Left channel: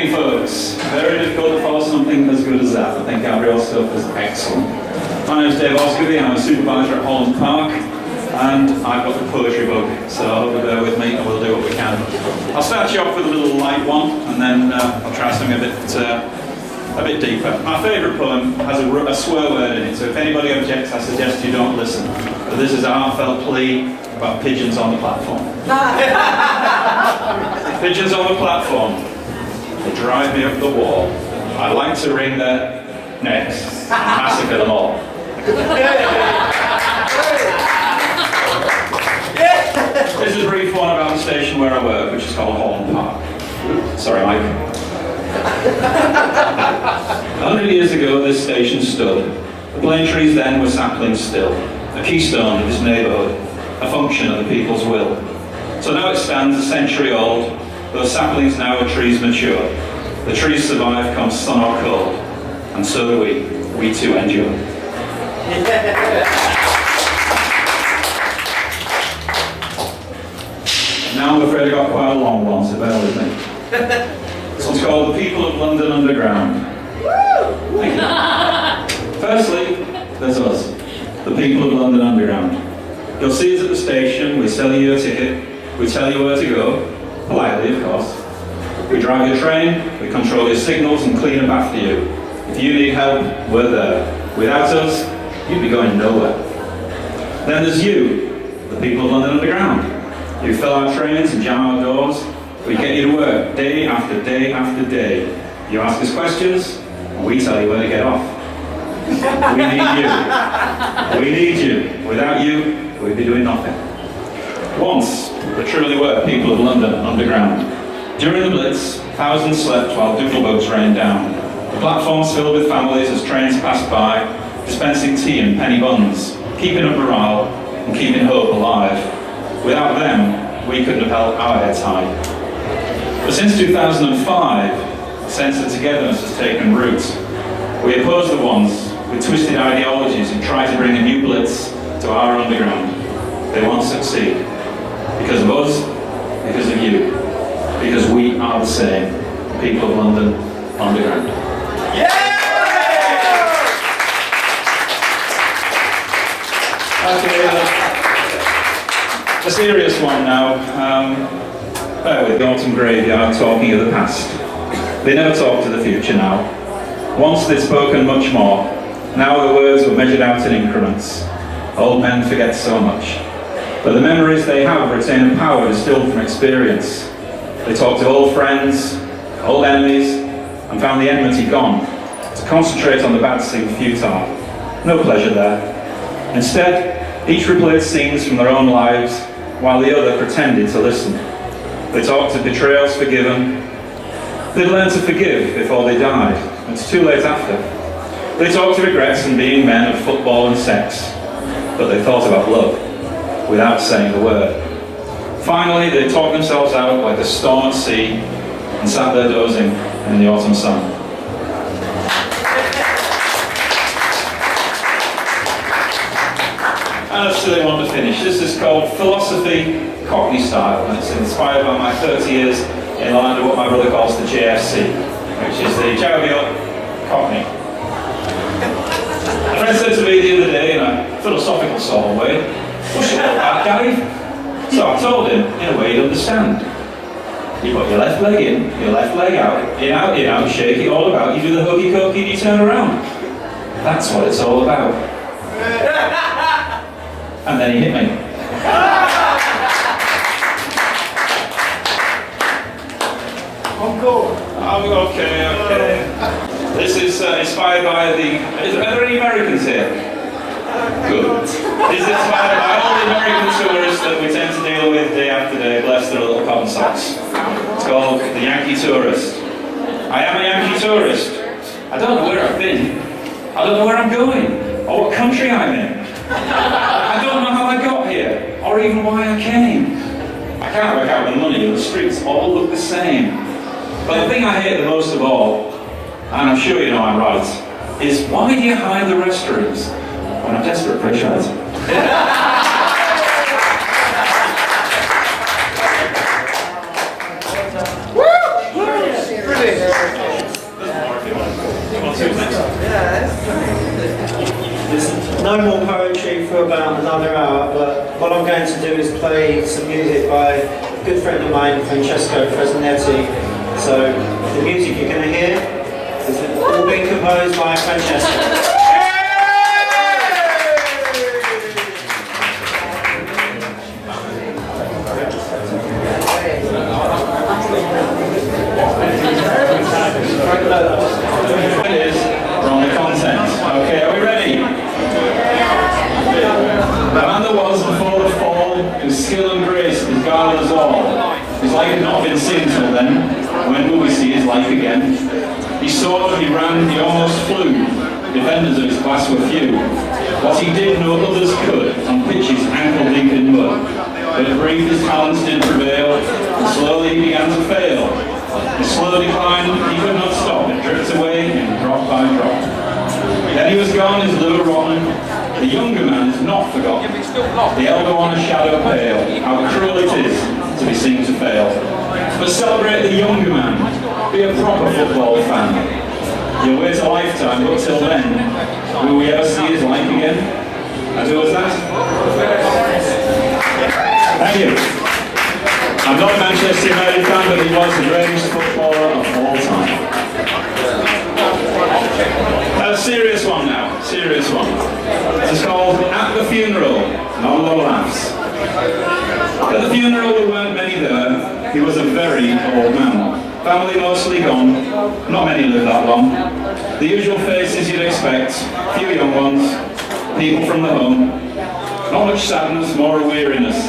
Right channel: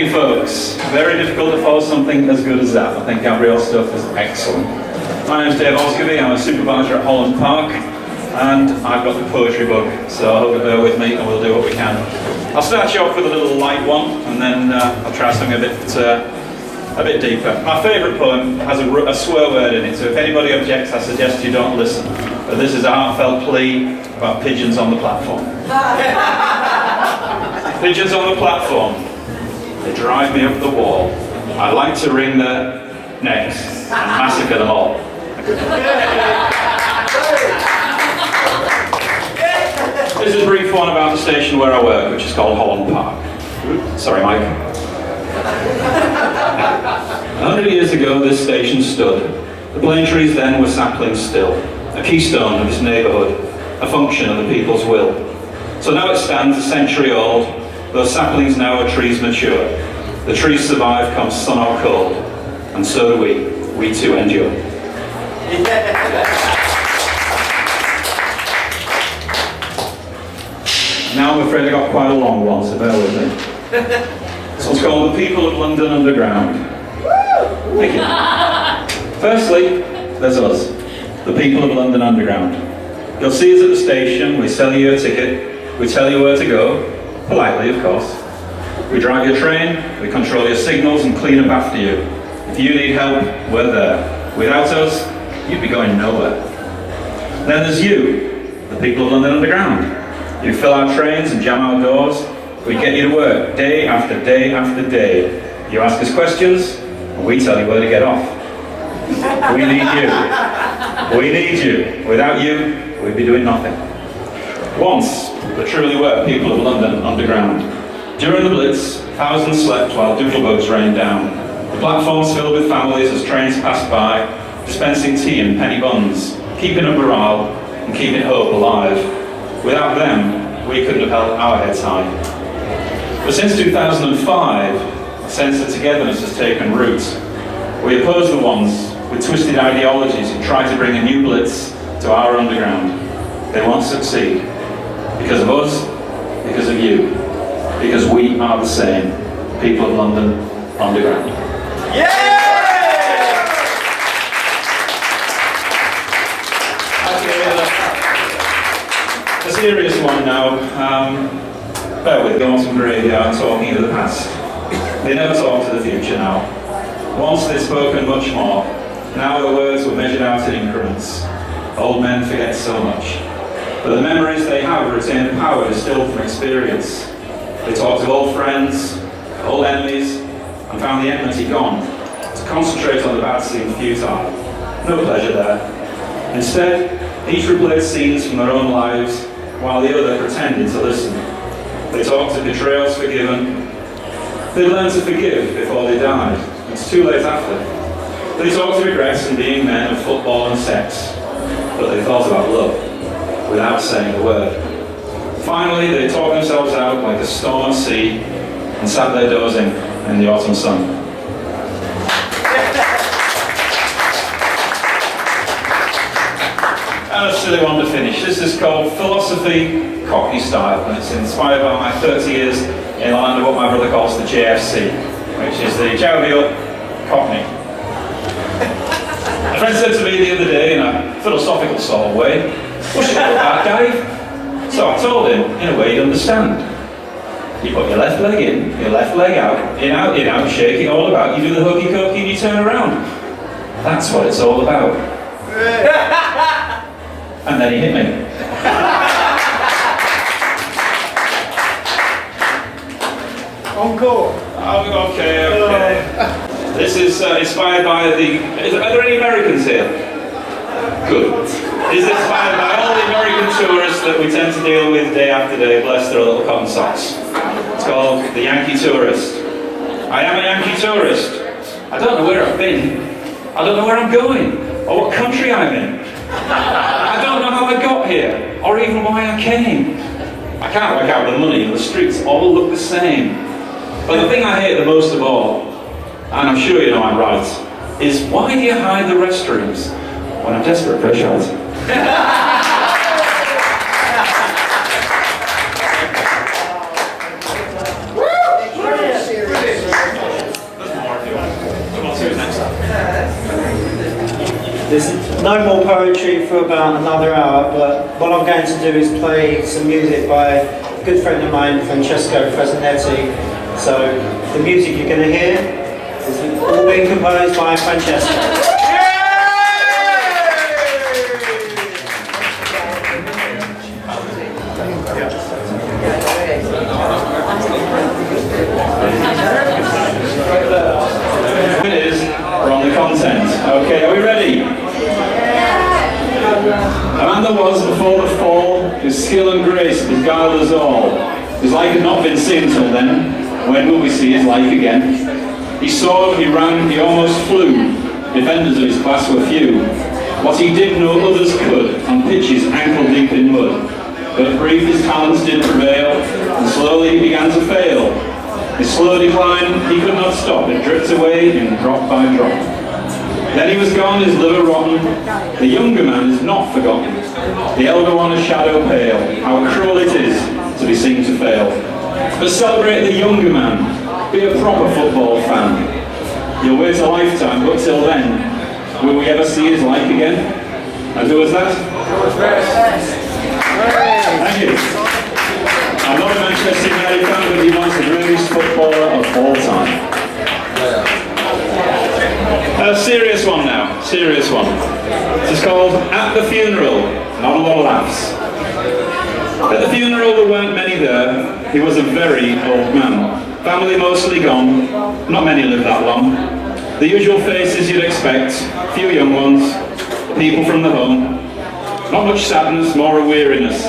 evening, folks. Very difficult to follow something as good as that. I think Gabrielle's stuff is excellent. My name's Dave Osgerby. I'm a supervisor at Holland Park, and I've got the poetry bug, so I hope you'll bear with me and we'll do what we can. I'll start you off with a little light one, and then I'll try something a bit deeper. My favourite poem has a swear word in it, so if anybody objects, I suggest you don't listen. But this is a heartfelt plea about pigeons on the platform. Pigeons on the platform. They drive me up the wall. I like to wring their necks and massacre them all. This is a brief one about the station where I work, which is called Holland Park. Sorry, Mike. 100 years ago, this station stood. The plane trees then were saplings still, a keystone of this neighbourhood, a function of the people's will. So now it stands a century old. Those saplings now are trees mature. The trees survive come sun or cold, and so do we. We too endure. Now I'm afraid I got quite a long one, so bear with me. This one's called The People of London Underground. Thank you. Firstly, there's us, the people of London Underground. You'll see us at the station, we sell you your ticket, we tell you where to go, politely of course. We drive your train, we control your signals and clean up after you. If you need help, we're there. Without us, you'd be going nowhere. Then there's you, the people of London Underground. You fill our trains and jam our doors. We get you to work day after day after day. You ask us questions, and we tell you where to get off. We need you. We need you. Without you, we'd be doing nothing. Once, there truly were people of London Underground. During the Blitz, thousands slept while doodlebugs rained down. The platforms filled with families as trains passed by, dispensing tea and penny buns, keeping up morale and keeping hope alive. Without them, we couldn't have held our heads high. But since 2005, a sense of togetherness has taken root. We oppose the ones with twisted ideologies who try to bring a new Blitz to our underground. They won't succeed. Because of us, because of you. Because we are the same. People of London Underground. Yeah! A serious one now. Bear with Gauntlet Graveyard talking of the past. They never talk to the future now. Once they'd spoken much more. Now their words were measured out in increments. Old men forget so much. But the memories they have retain a power distilled from experience. They talked to old friends, old enemies, and found the enmity gone. To concentrate on the bad seemed futile. No pleasure there. Instead, each replayed scenes from their own lives, while the other pretended to listen. They talked of betrayals forgiven. They'd learned to forgive before they died. It's too late after. They talked of regrets and being men of football and sex. But they thought about love, without saying a word. Finally, they talked themselves out like a storm at sea and sat there dozing in the autumn sun. And a silly one to finish. This is called Philosophy Cockney Style, and it's inspired by my 30 years in the land of what my brother calls the JFC, which is the jovial Cockney. A friend said to me the other day in a philosophical sort of way, "What's it all about, Dave?" So I told him, in a way he'd understand. You put your left leg in, your left leg out, in out, shake it all about, you do the hokey cokey and you turn around. That's what it's all about. And then he hit me. Encore. Oh, okay. This is inspired by are there any Americans here? Good. This is inspired by all the American tourists that we tend to deal with day after day, bless their little cotton socks. It's called The Yankee Tourist. I am a Yankee tourist. I don't know where I've been. I don't know where I'm going, or what country I'm in. I don't know how I got here, or even why I came. I can't work out the money, the streets all look the same. But the thing I hate the most of all, and I'm sure you know I'm right, is why do you hide the restrooms when I'm desperate for a shot? no more poetry for about another hour, but what I'm going to do is play some music by a good friend of mine, Francesco Fresnetti. So the music you're going to hear is all being composed by Francesco. We're on the content. Okay, are we ready? The man that was before the fall, his skill and grace beguiled us all. His like had not been seen till then. When will we see his like again? He soared, he ran, he almost flew. Defenders of his class were few. What he did no others could, on pitches ankle deep in mud. But brief his talents did prevail, and slowly he began to fail. His slow decline, he could not stop, it dripped away in drop by drop. Then he was gone, his liver rotten. The younger man is not forgotten. The elder one a shadow pale. How cruel it is to be seen to fail. But celebrate the younger man. Be a proper football fan. You'll wait a lifetime, but till then, will we ever see his like again? And who was that? Thank you. I'm not a Manchester United fan, but he was the greatest footballer of all time. A serious one now, serious one. It's called At the Funeral, not a lot of laughs. At the funeral there weren't many there. He was a very old man. Family mostly gone, not many lived that long. The usual faces you'd expect, few young ones, people from the home. Not much sadness, more a weariness.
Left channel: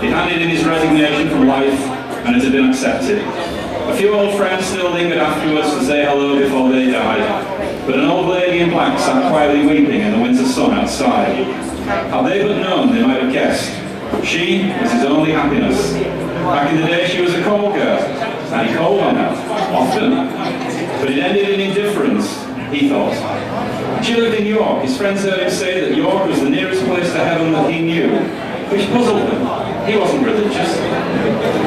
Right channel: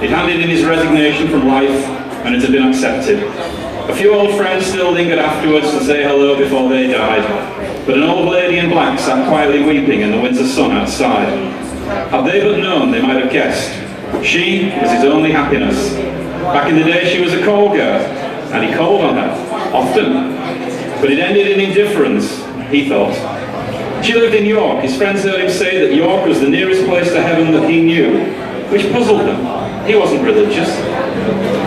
He'd handed in his resignation from life, and it had been accepted. A few old friends still lingered afterwards to say hello before they died, but an old lady in black sat quietly weeping in the winter sun outside. Had they but known, they might have guessed. She was his only happiness. Back in the day, she was a call girl, and he called on her, often. But it ended in indifference, he thought. She lived in York. His friends heard him say that York was the nearest place to heaven that he knew, which puzzled them. He wasn't religious,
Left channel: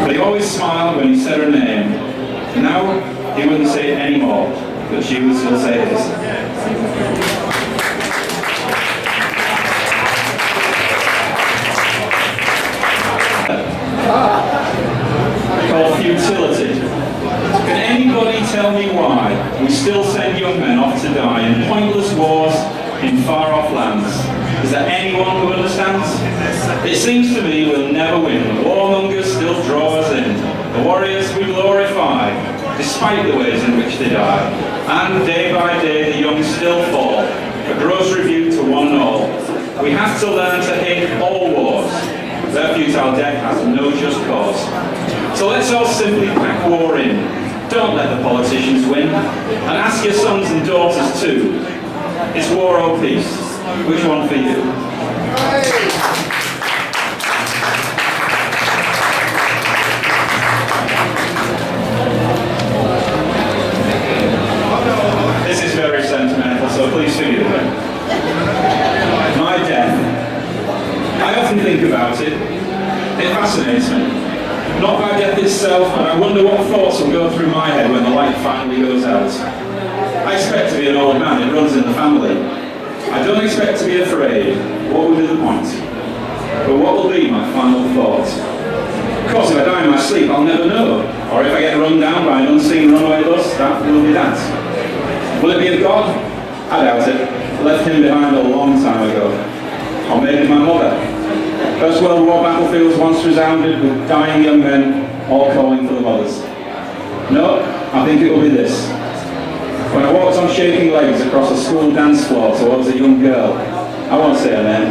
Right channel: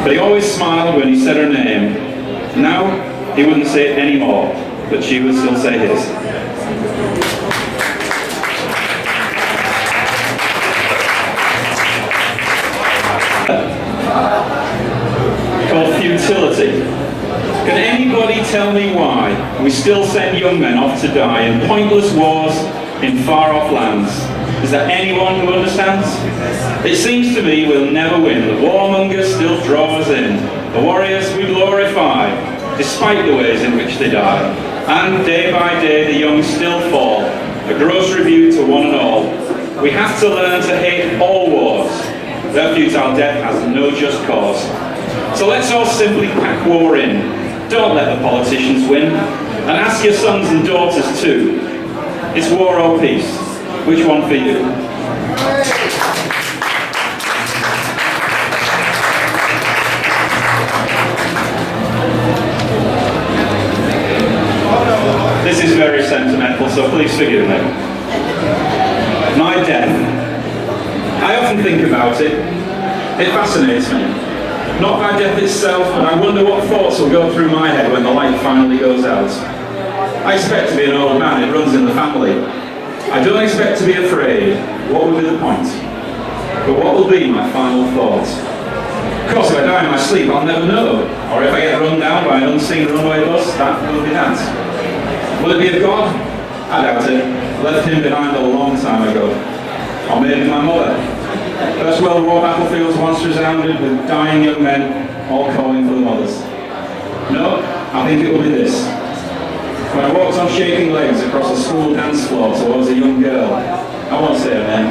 but he always smiled when he said her name. Now, he wouldn't say it anymore, but she would still say his. Called Futility. Can anybody tell me why we still send young men off to die in pointless wars in far-off lands? Is there anyone who understands? It seems to me we'll never win. The warmongers still draw us in. The warriors we glorify, despite the ways in which they die. And day by day the young still fall. A gross rebuke to one and all. We have to learn to hate all wars. Their futile death has no just cause. So let's all simply pack war in. Don't let the politicians win. And ask your sons and daughters too. It's war or peace. Which one for you? This is very sentimental, so please forgive me. My death. I often think about it. It fascinates me. Not by death itself, but I wonder what thoughts will go through my head when the light finally goes out. I expect to be an old man, it runs in the family. I don't expect to be afraid. What would be the point? But what will be my final thought? Of course, if I die in my sleep, I'll never know. Or if I get run down by an unseen runaway bus, that will be that. Will it be of God? I doubt it. I left him behind a long time ago. Or maybe my mother. First World War battlefields once resounded with dying young men all calling for the mothers. No, I think it will be this. When I walked on shaking legs across a school dance floor towards a young girl, I won't say her name,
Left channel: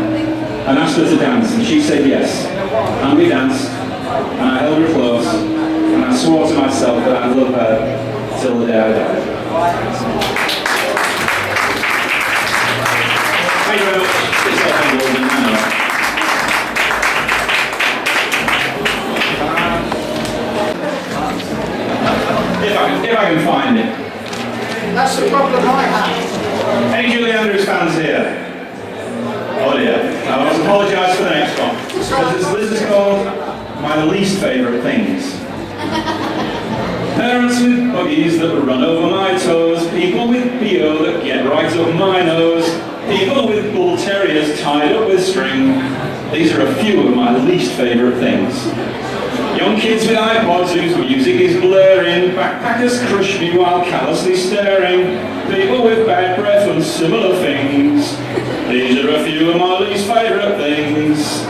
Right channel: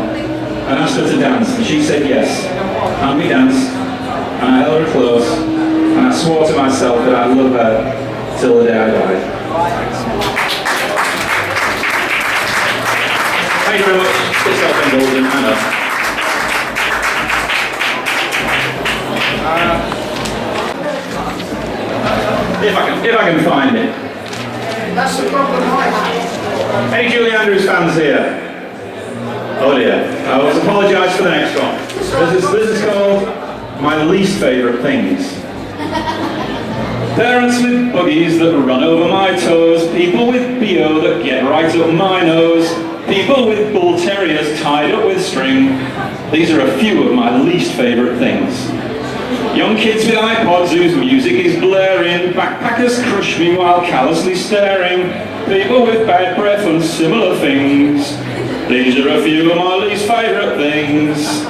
and asked her to dance, and she said yes. And we danced, and I held her close, and I swore to myself that I'd love her till the day I died. Thank you very much. It's self-indulgent, I know. If I can find it. That's the problem I have. Any Julie Andrews fans here? Oh dear. I will apologise for the next one. This is called My Least Favourite Things. Parents with buggies that run over my toes, people with BO that get right up my nose, People with bull terriers tied up with string. These are a few of my least favourite things. Young kids with iPods whose music is blaring. Backpackers crush me while callously staring. People with bad breath and similar things. These are a few of my least favourite things.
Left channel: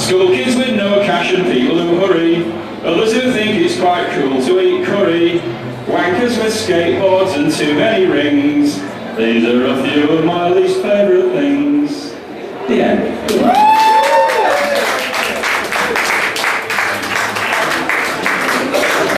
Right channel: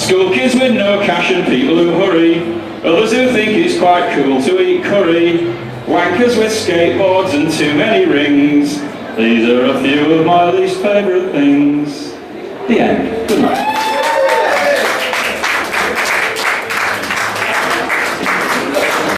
School kids with no cash and people who hurry. Others who think it's quite cool to eat curry. Wankers with skateboards and too many rings. These are a few of my least favourite things.